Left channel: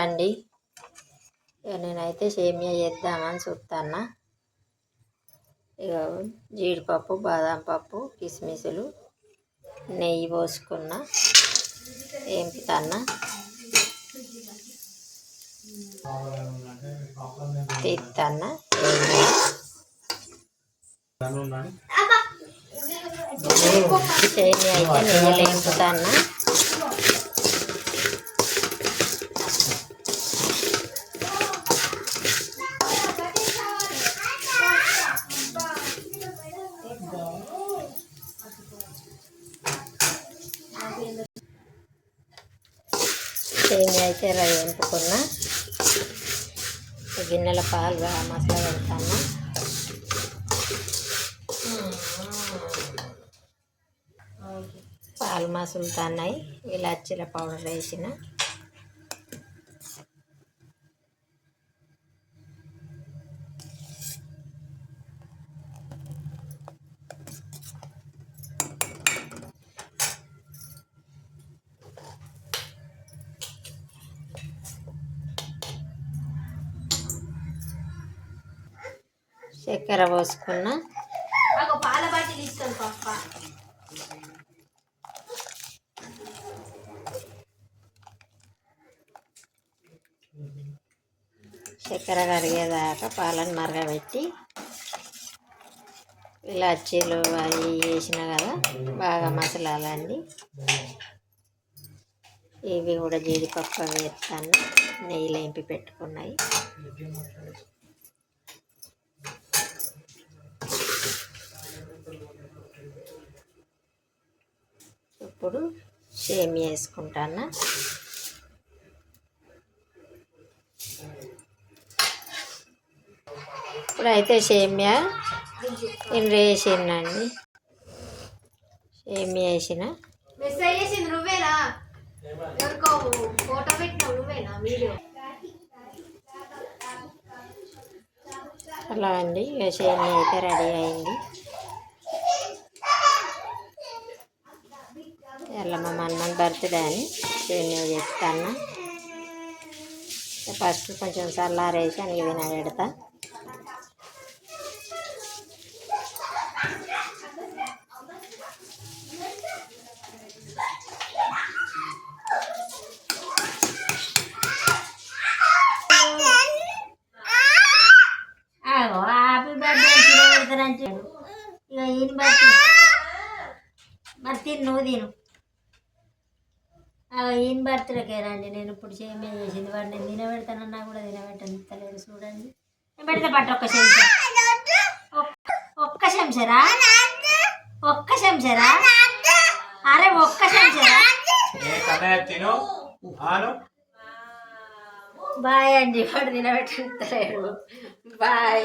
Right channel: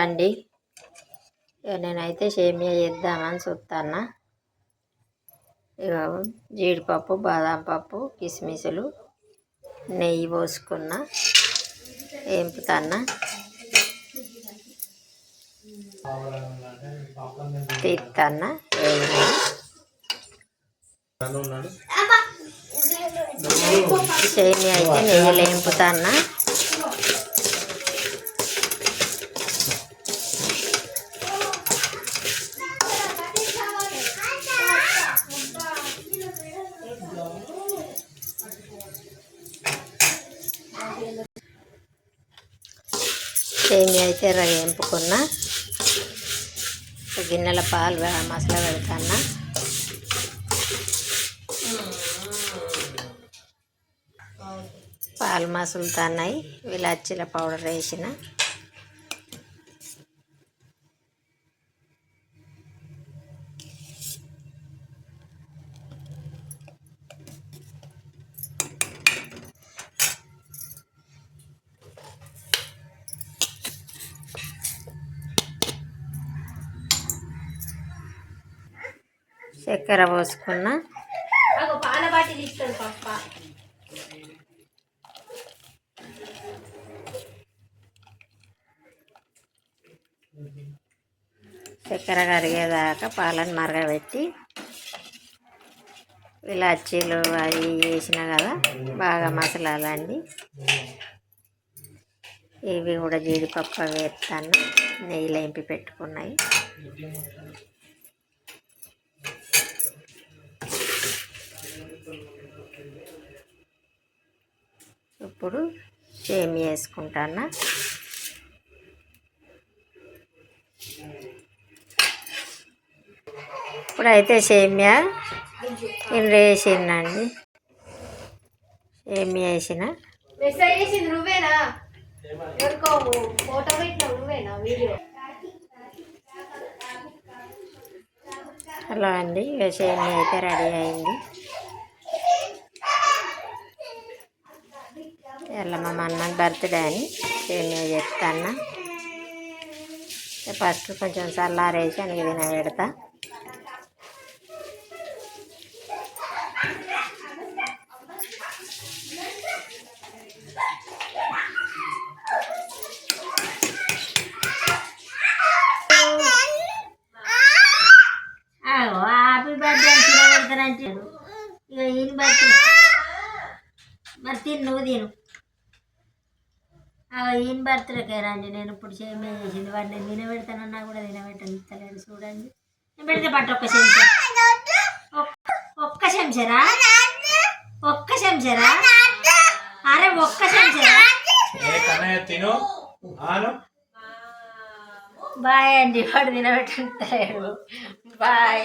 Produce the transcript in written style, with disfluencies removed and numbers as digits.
అండి నేనైతే సేమియా చేద్దామని చూస్తాను. ఇక జీడిపప్పు, బాదం పప్పు, కిస్మిసులు, నెయ్యి పోసుకున్న వేపుతాను. తీస్తాను సేమియా అయితే నెయ్యిలో వేపుతాను. సేమియా అయితే వేపుకున్న గిన్నెల పాలు మసాలా పెడతాను. పాలు మసులుతున్నాయి. ఇలాచీల పౌడర్ వేసిన చక్కెర పోసుకున్న పాల బాటి తీస్తాను పప్ప. చక్కెర కరిగేదాకా పాలను మరగబెట్టి ఇలాచీలు అవి వేసిన కదా బాగా మసలాలండి. ఇవి కూడా జీడిపప్పు వేస్తాను. నెయ్యిలో వేపి పెట్టుకున్నాయి. ఇప్పుడు సేమియా వేసుకుంటాను. ఇప్పుడైతే సేమియా ఇందులో వేసిందండి. సేమియా వేసిన మెసేజ్ చేసింది నువ్వేనా? ఎవరికో ఫోటో పెట్టినావు నువ్వేనా? వీడియో అలా అండి. ఇక సేమియా అయితే రెడీ అయింది. ఇలా మా మన్మన్ బర్త్డే అని సేమియా చెప్తాను. ఫస్ట్ కొంచెం చల్లారేసి అని తినబెడతా. హ్యాపీ బర్త్డే అని తినబెడతారంటాడు. ఇక ఈయన బర్త్డే మరి తిను, నువ్వు తిను. ఈయన బర్త్డేకే రండి. నేను ఇప్పుడు సేమియా చేసింది వాడు నేను తినబెడతానన్నా కూడా తినబెట్టలేదు. చూడండి నేను పెడితే పట్టు ఒక్క చెంచా, ఒక్క చెంచరా, ఒక్క చెంచరా, అరే ఒక్క చెంచరా. బాయ్ అండి. వాడు తినబెట్టలేడు. బాయ్.